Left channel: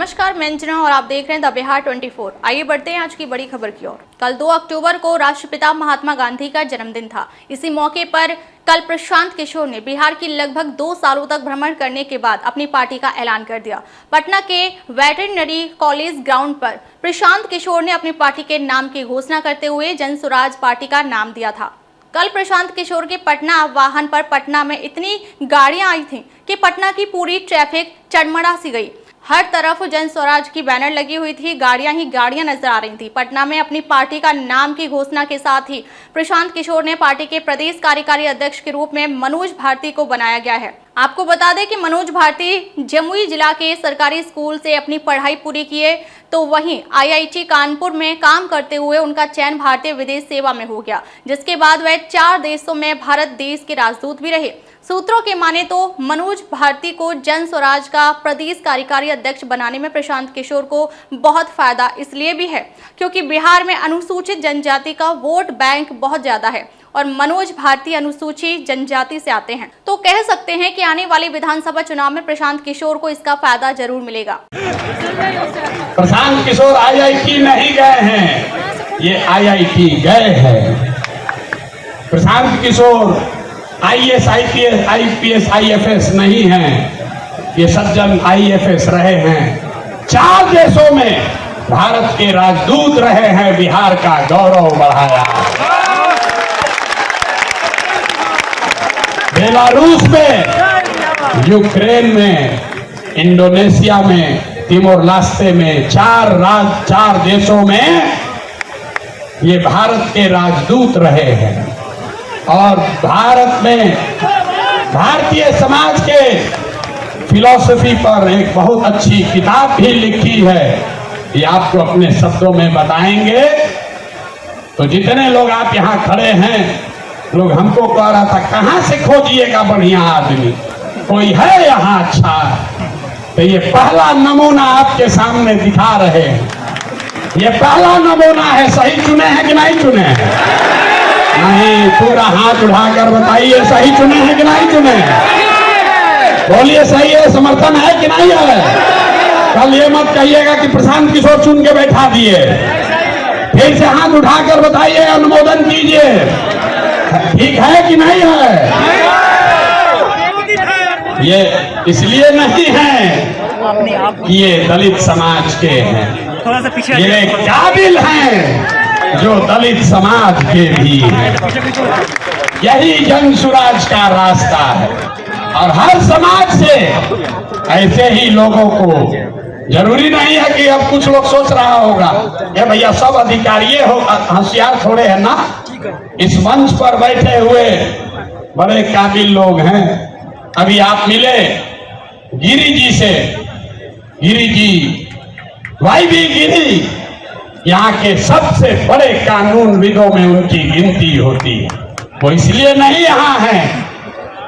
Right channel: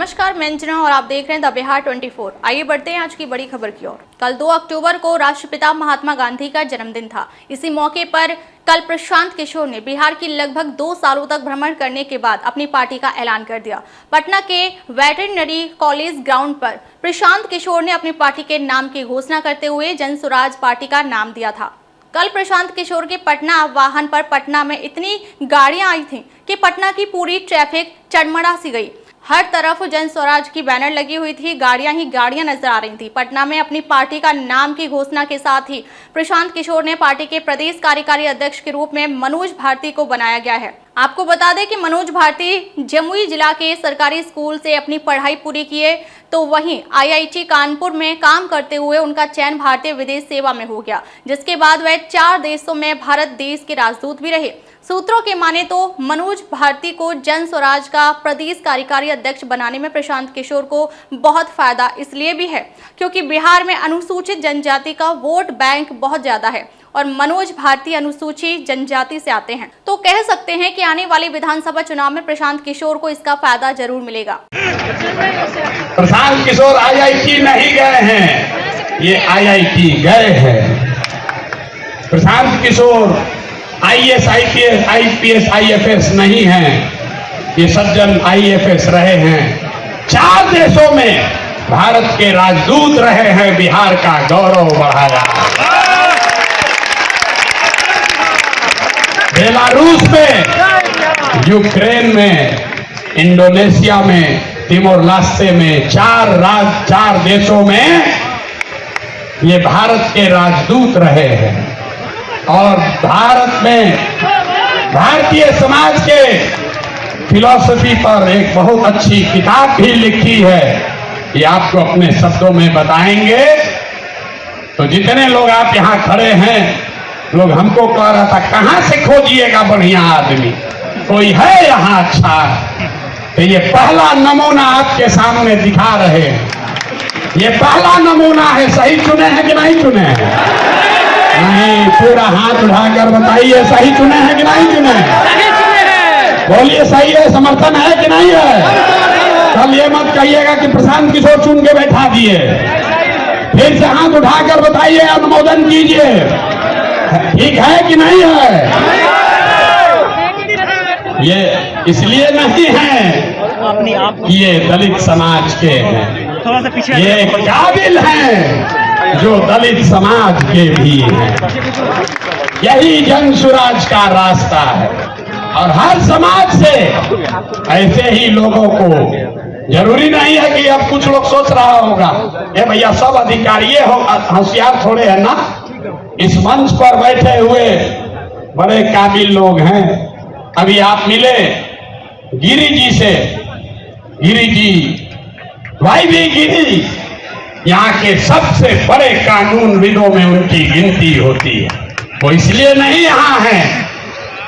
नमस्कार, मैं अंजना और आप देख रहे हैं द बिहार 24। आइए बढ़ते हैं आज की बड़ी खबर की ओर। कल 2 अक्टूबर को राष्ट्रपिता महात्मा गांधी का जन्मदिन था। इसी मौके पर कल प्रशांत किशोर ने बिहार की लगभग 2 सालों तक भ्रमण करने के बाद अपनी पार्टी का ऐलान कर दिया। पटना के वेटरनरी कॉलेज ग्राउंड पर प्रशांत किशोर ने अपनी पार्टी के नाम की घोषणा करते हुए जन स्वराज पार्टी का नाम दिया था। कल प्रशांत किशोर के पटना वाहन पर पटना में इतनी गाड़ियां आई थीं कि पटना की पूरी ट्रैफिक चरमरा सी गई। हर तरफ जन स्वराज की बैनर लगी हुई थी, गाड़ियां ही गाड़ियां नजर आ रही थी। पटना में अपनी पार्टी का नाम की घोषणा के साथ ही प्रशांत किशोर ने पार्टी के प्रदेश कार्यकारी अध्यक्ष के रूप में मनोज भारती को बनाया गया है। आपको बता दें कि मनोज भारती जमुई जिला के सरकारी स्कूल से अपनी पढ़ाई पूरी किए, तो वहीं IIT कानपुर में काम करते हुए उनका चयन भारतीय विदेश सेवा में हो गया, जिसके बाद वह 4 देशों में भारत देश के राजदूत भी रहे। सूत्रों के माने तो मनोज भारती को जन स्वराज का प्रदेश कार्यकारी अध्यक्ष बनाने में प्रशांत किशोर को बहुत फायदा इसलिए भी है क्योंकि बिहार में अनुसूचित जनजाति का वोट बैंक बहुत ज्यादा है और मनोज भारती अनुसूचित जनजाति से आते हैं, तो कह सकते हैं कि आने वाले विधानसभा चुनाव में प्रशांत किशोर को इसका फायदा जरूर मिलेगा। प्रशांत किशोर IIT नहीं गए हैं, ये IIT गए हैं। Prashant Kishor IAS, IPS, IFS नहीं हैं, ये सज्जन IFS रहे हैं। 4 देशों में भारत के राजदूत रहे हैं, बिहार का गौरव बढ़ाया। बेलारूस में, यूक्रेन में, इंडोनेशिया में, तिमोर लेस्टे में, 4 देशों में ये भारत के राजदूत रहे हैं। और भारत में भारतीय समाज के फिलॉसफी पर एक बहुत अच्छी किताब भी लिखी है, ये आपको अपने शब्दों में बताएंगे। तो जितने लोग आप यहाँ खड़े हैं, लोग हमको कह रहा था कहाँ से खोजिएगा बढ़िया आदमी, कोई है यहाँ अच्छा? तो ये पहला नमूना आपके सामने दिखा रहे हैं, ये पहला नमूना है। सही चुने हैं कि नहीं चुने हैं? नहीं, पूरा हाथ उठाकर बताइए सही चुने हैं कि नहीं चुने? बोलिए सही है, समर्थन है कि नहीं है? कल ये मत कहिएगा कि प्रशांत किशोर चुन के बैठा दिए। फिर से हाथ उठाकर बताइएगा, अनुमोदन कीजिए, ठीक है कि नहीं है? ये इसलिए नहीं है कि ये दलित समाज के हैं, ये काबिल हैं जो दलित समाज के भी हैं। यही जन स्वराज का रास्ता है और हर समाज से ऐसे ही लोगों को, जरूरी नहीं है कि अब कुछ लोग सोच रहा होगा ये भैया सब अधिकारी हो, होशियार थोड़े है ना। इस मंच पर बैठे हुए बड़े काबिल लोग हैं। अभी आप मिले गिरी जी से, गिरी जी, भाई भी गिरी यहाँ के सबसे बड़े कानूनविदों में उनकी गिनती होती है। वो इसलिए नहीं यहाँ हैं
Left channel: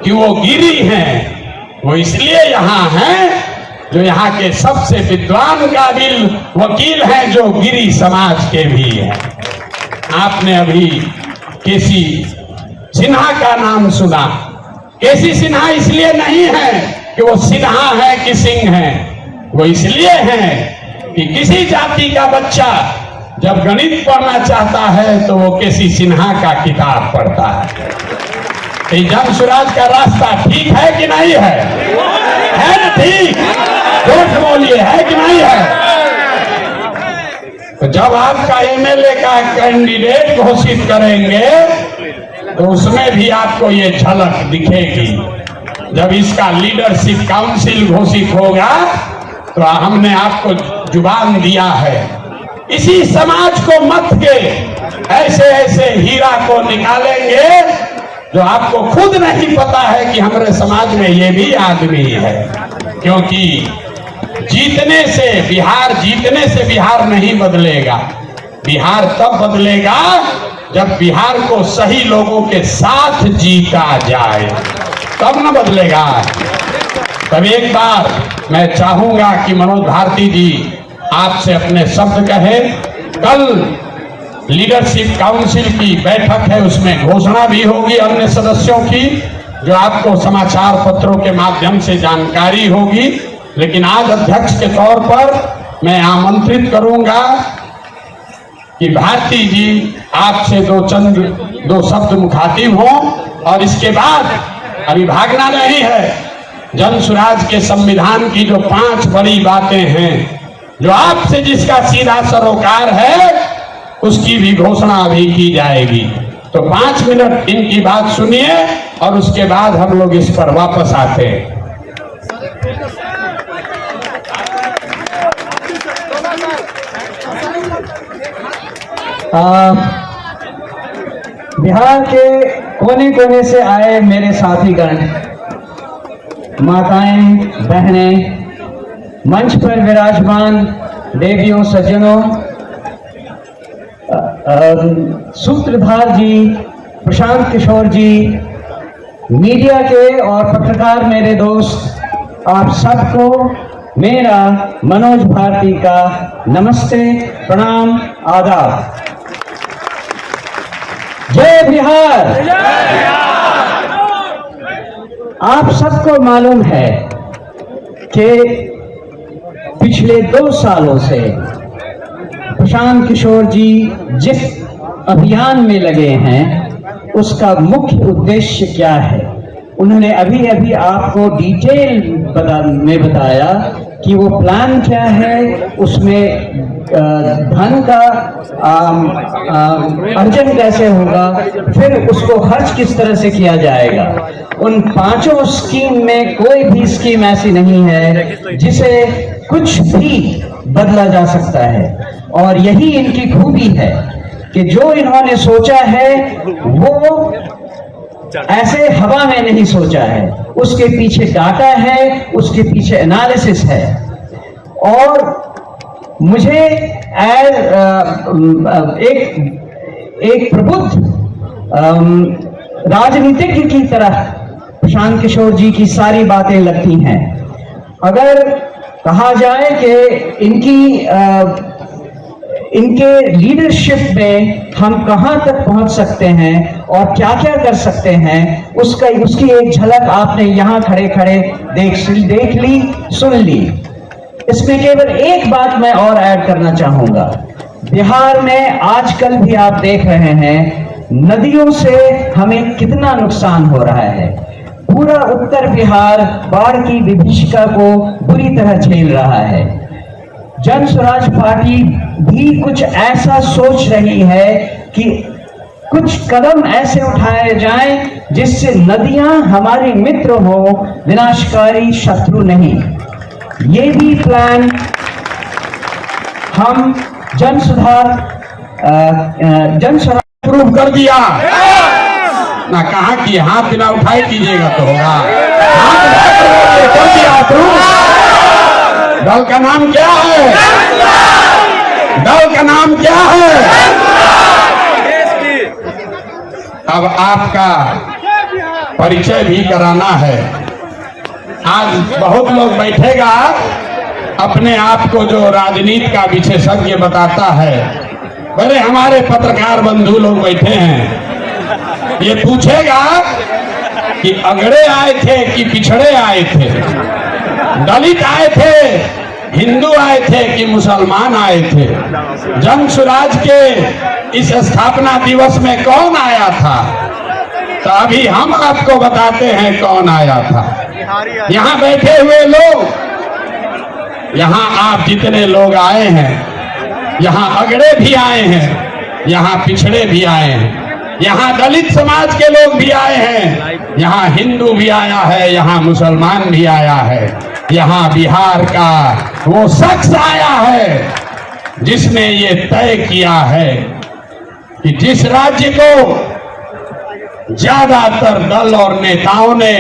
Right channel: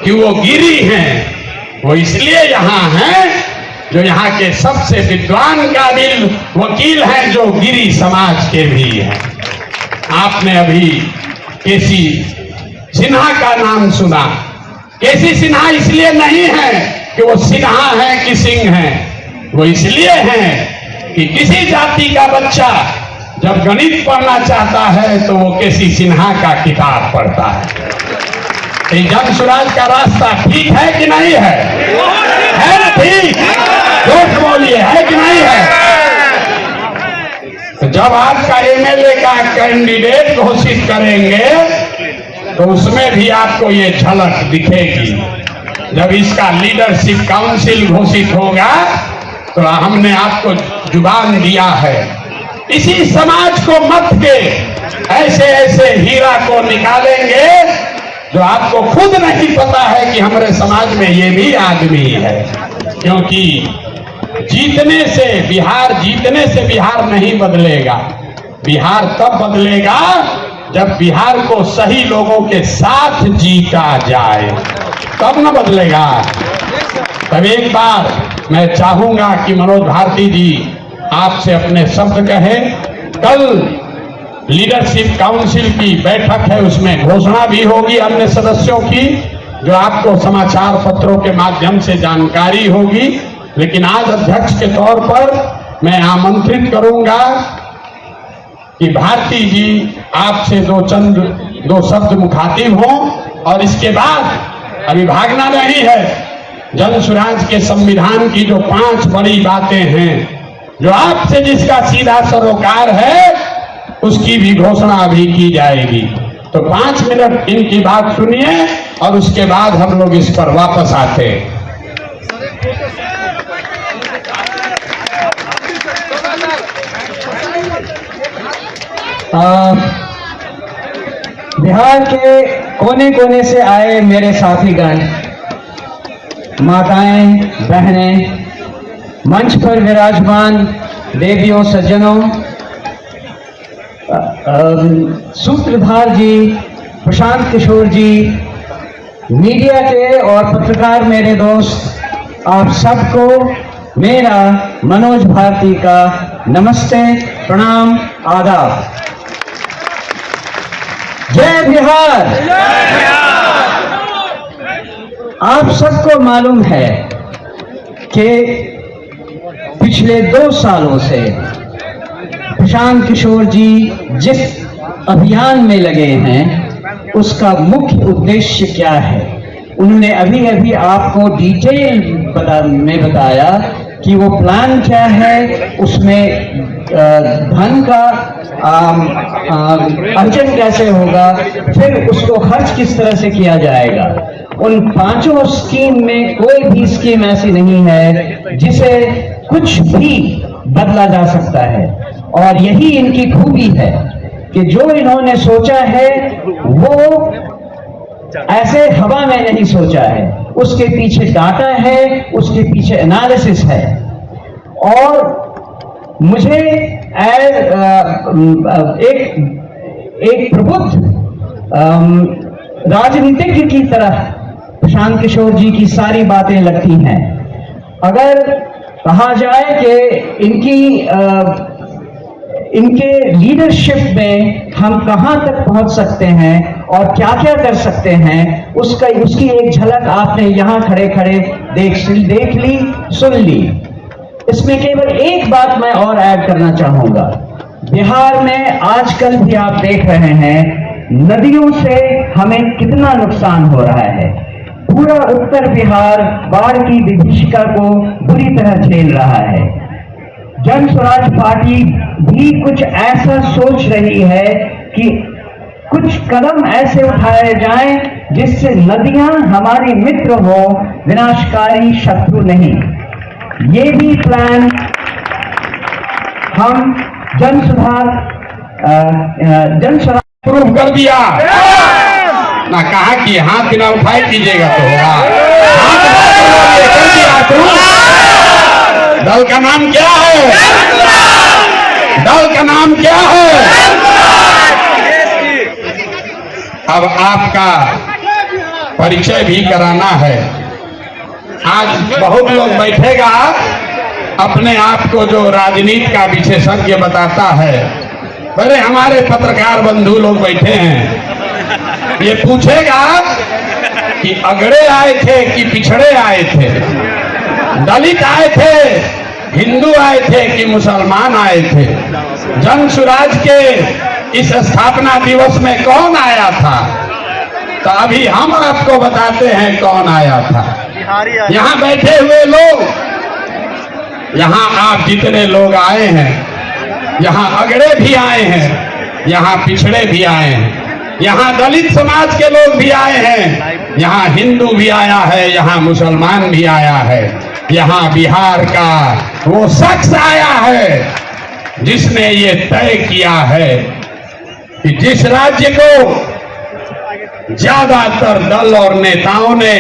कि वो गिरी हैं, वो इसलिए यहाँ हैं जो यहाँ के सबसे विद्वान काबिल वकील हैं, जो गिरी समाज के भी हैं। आपने अभी केसी सिन्हा का नाम सुना। केसी सिन्हा इसलिए नहीं है कि वो सिन्हा है कि सिंह है, वो इसलिए है कि किसी जाति का बच्चा जब गणित पढ़ना चाहता है तो वो केसी सिन्हा का किताब पढ़ता है। ये जन स्वराज का रास्ता ठीक है कि नहीं है? है ना ठीक? जोर बोलिए, है कि नहीं है? तो जब आपका MLA का कैंडिडेट घोषित करेंगे तो उसमें भी आपको ये झलक दिखेगी। जब इसका लीडरशिप काउंसिल घोषित होगा तो हमने आपको जुबान दिया है, इसी समाज को मत के ऐसे ऐसे हीरा को निकालेंगे जो आपको खुद नहीं पता है कि हमारे समाज में ये भी आदमी है। क्योंकि जीतने से बिहार नहीं बदलेगा। बिहार तब बदलेगा जब बिहार को सही लोगों के साथ जीता जाए, तब न बदलेगा। तब एक बार मैं चाहूंगा कि मनोज भारती जी आपसे अपने शब्द कहें। कल लीडरशिप काउंसिल की बैठक है, उसमें घोषणा भी होगी अन्य सदस्यों की, जो आपको समाचार पत्रों के माध्यम से जानकारी होगी। लेकिन आज अध्यक्ष के तौर पर मैं आमंत्रित करूंगा कि भारती जी आपसे दो शब्द मुखातिब हों, और इसके बाद अभी भागना नहीं है। जन स्वराज के संविधान की जो 5 बड़ी बातें हैं, जो आपसे जिसका सीधा सरोकार है, उसकी भी घोषणा अभी की जाएगी। तो 5 मिनट इनकी बात सुनिए और उसके बाद हम लोग इस पर वापस आते हैं। बिहार के कोने कोने से आए मेरे साथीगण, माताएं, बहनें, मंच पर विराजमान देवियों, सज्जनों, सूत्रधार जी, प्रशांत किशोर जी, मीडिया के और पत्रकार मेरे दोस्त, आप सबको मेरा मनोज भारती का नमस्ते, प्रणाम, आदाब। जय बिहार। आप सबको मालूम है कि पिछले 2 सालों से प्रशांत किशोर जी जिस अभियान में लगे हैं, उसका मुख्य उद्देश्य क्या है। उन्होंने अभी अभी आपको डिटेल में बताया कि वो प्लान क्या है, उसमें धन का अर्जन कैसे होगा, फिर उसको खर्च किस तरह से किया जाएगा। उन 5 स्कीम में कोई भी स्कीम ऐसी नहीं है जिसे कुछ भी बदला जा सकता है, और यही इनकी खूबी है कि जो इन्होंने सोचा है वो ऐसे हवा में नहीं सोचा है, उसके पीछे डाटा है, उसके पीछे एनालिसिस है। और मुझे एक प्रबुद्ध राजनीतिज्ञ की तरह प्रशांत किशोर जी की सारी बातें लगती हैं। अगर कहा जाए कि इनके लीडरशिप में हम कहां तक पहुंच सकते हैं और क्या क्या कर सकते हैं, उसकी एक झलक आपने यहां खड़े खड़े देख ली, सुन ली। इसमें केवल एक बात मैं और ऐड करना चाहूंगा। बिहार में आजकल भी आप देख रहे हैं नदियों से हमें कितना नुकसान हो रहा है। पूरा उत्तर बिहार बाढ़ की विभीषिका को बुरी तरह झेल रहा है। जन स्वराज पार्टी भी कुछ ऐसा सोच रही है कि कुछ कदम ऐसे उठाए जाएं जिससे नदियां हमारी मित्र हो, विनाशकारी शत्रु नहीं। ये भी प्लान हम जन स्वराज प्रूव कर दिया ना, कहा कि हाथ ना उठाए कीजिएगा तो होगा। कर दिया प्रूफ। दल का नाम क्या है? दल का नाम क्या है? अब आपका परिचय भी कराना है। आज बहुत लोग बैठेगा अपने आप को जो राजनीति का विशेषज्ञ बताता है। अरे हमारे पत्रकार बंधु लोग बैठे हैं, ये पूछेगा कि अगड़े आए थे कि पिछड़े आए थे, दलित आए थे, हिंदू आए थे कि मुसलमान आए थे। जन स्वराज के इस स्थापना दिवस में कौन आया था? तो अभी हम आपको बताते हैं कौन आया था। यहाँ बैठे हुए लोग, यहाँ आप जितने लोग आए हैं, यहाँ अगड़े भी आए हैं, यहाँ पिछड़े भी आए हैं, यहाँ दलित समाज के लोग भी आए हैं, यहाँ हिंदू भी आया है, यहाँ मुसलमान भी आया है, यहाँ बिहार का वो शख्स आया है जिसने ये तय किया है कि जिस राज्य को ज्यादातर दल और नेताओं ने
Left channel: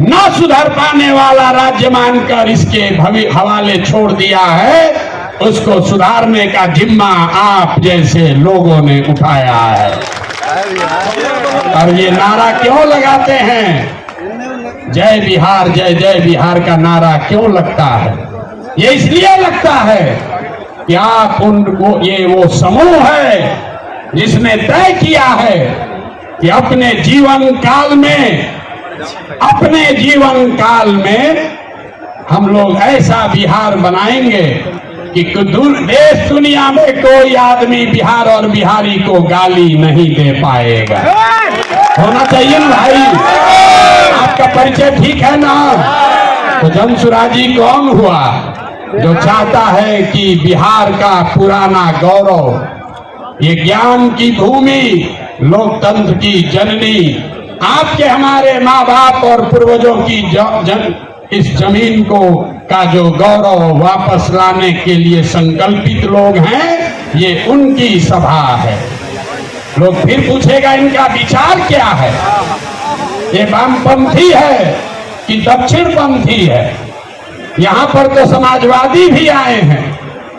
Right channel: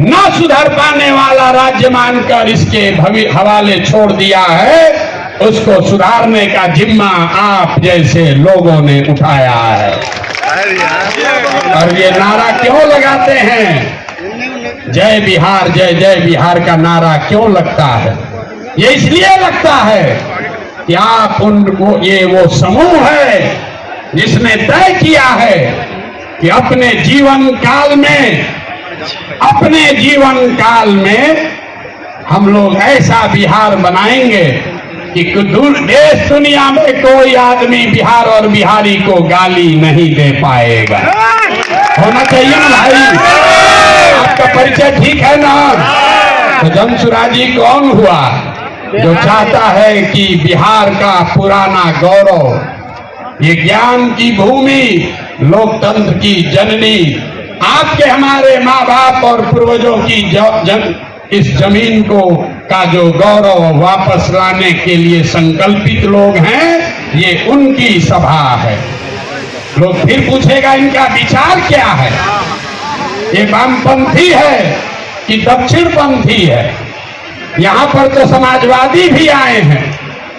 न सुधर पाने वाला राज्य मानकर इसके हवाले छोड़ दिया है, उसको सुधारने का जिम्मा आप जैसे लोगों ने उठाया है। और ये नारा क्यों लगाते हैं? जय बिहार, जय जय बिहार का नारा क्यों लगता है? ये इसलिए लगता है कि आप उनको, ये वो समूह है जिसने तय किया है कि अपने जीवन काल में हम लोग ऐसा बिहार बनाएंगे कि देश दुनिया में कोई आदमी बिहार और बिहारी को गाली नहीं दे पाएगा। होना चाहिए ना भाई, आपका परिचय ठीक है ना। तो जमसुराजी कौन हुआ जो चाहता है कि बिहार का पुराना गौरव, ये ज्ञान की भूमि, लोकतंत्र की जननी, आपके हमारे माँ बाप और पूर्वजों की इस जमीन को का जो गौरव वापस लाने के लिए संकल्पित लोग हैं, ये उनकी सभा है। लोग फिर पूछेगा इनका विचार क्या है, ये वामपंथी है कि दक्षिणपंथी है। यहाँ पर तो समाजवादी भी आए हैं,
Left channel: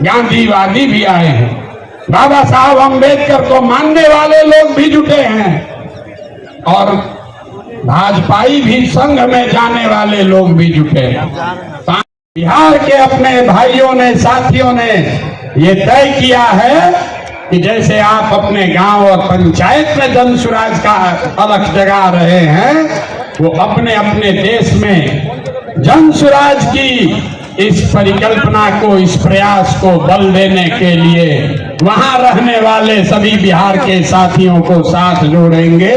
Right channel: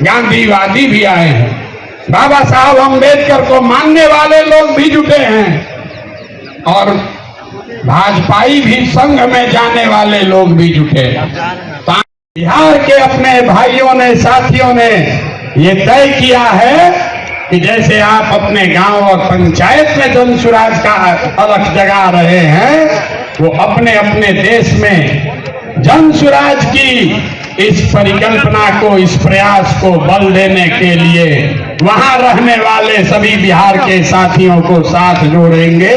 गांधीवादी भी आए हैं, बाबा साहब अम्बेडकर को मानने वाले लोग भी जुटे हैं और भाजपाई भी संघ में जाने वाले लोग भी जुटे। बिहार के अपने भाइयों ने, साथियों ने ये तय किया है कि जैसे आप अपने गांव और पंचायत में जनसुराज का अलख जगा रहे हैं, वो अपने अपने देश में जनसुराज की इस परिकल्पना को, इस प्रयास को बल देने के लिए वहां रहने वाले सभी बिहार के साथियों को साथ जोड़ेंगे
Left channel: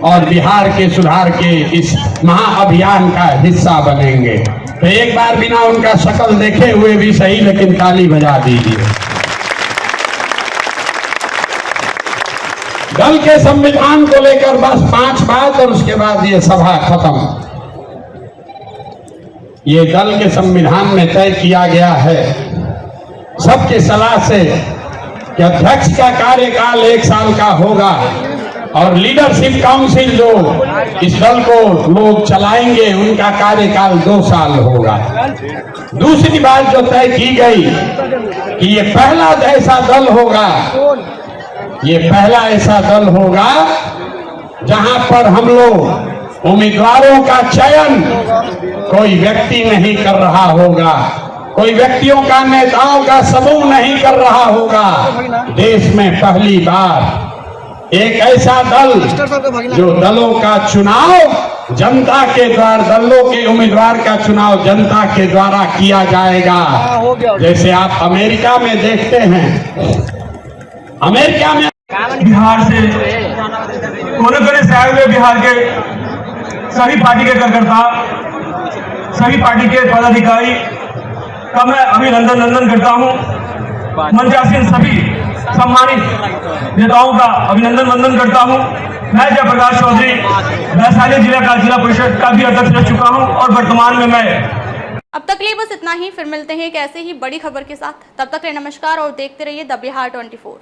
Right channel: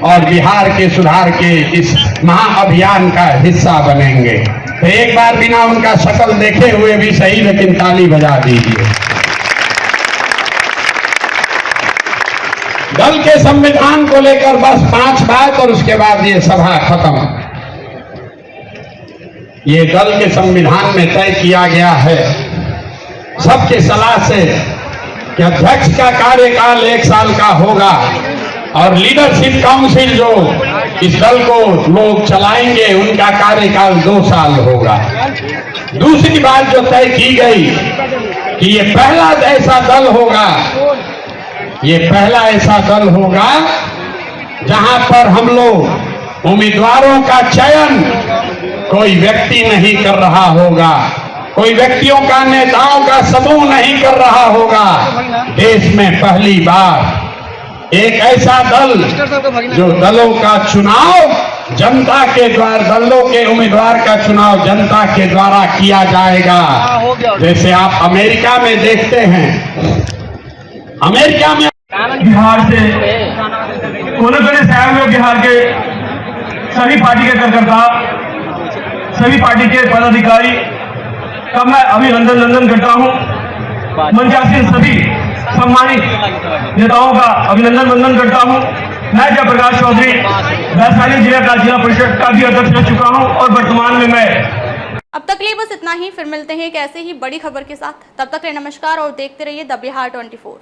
और बिहार के सुधार के इस महाअभियान का हिस्सा बनेंगे। तो एक बार बिना उनका शक्ल देखे हुए भी सही, लेकिन ताली बजा दीजिए। दल के संविधान को लेकर बस 5 बात और उसके बाद ये सभा खत्म। ये दल के संविधान में तय किया गया है सबके सलाह से कि अध्यक्ष का कार्यकाल 1 साल का होगा और लीडरशिप काउंसिल जो इस दल को लोग चलाएंगे उनका कार्यकाल 2 साल होगा। दूसरी बात जो तय की गई कि ये पहला ऐसा दल होगा, ये पहला ऐसा दल होगा जहां पर हम लोग उम्मीदवारों का चयन कोई व्यक्ति नहीं कर रहा होगा, कोई व्यक्तियों का, नेताओं का समूह नहीं कर रहा होगा। देश में पहली बार एक ऐसा दल जो दलों का चुनाव जनता के द्वारा, दलों के उम्मीदवार का चुनाव जनता के द्वारा किया जाएगा। जैसे आप अमेरिका में देखते हैं, अमेरिका में बिहार से कोने से आए हुए बिहार के सभी पार्टी के कार्यकर्ता, सभी पार्टी के पदाधिकारी का मैं अभिनंदन करता हूं। मंच के आसीन सभी सम्मानित नेताओं का अभिनंदन करता हूं। मैं जयप्रकाश चौधरी वैशाली जिला का जिला परिषद का भी अध्यक्ष रह चुका हूं और वर्तमान में मैं। अब तक लिए बस इतना ही, फिर मिलते हैं एक ऐसे ही बड़ी खबर के साथ। तब तक के लिए नमस्कार और देखते रहिए द बिहार 24।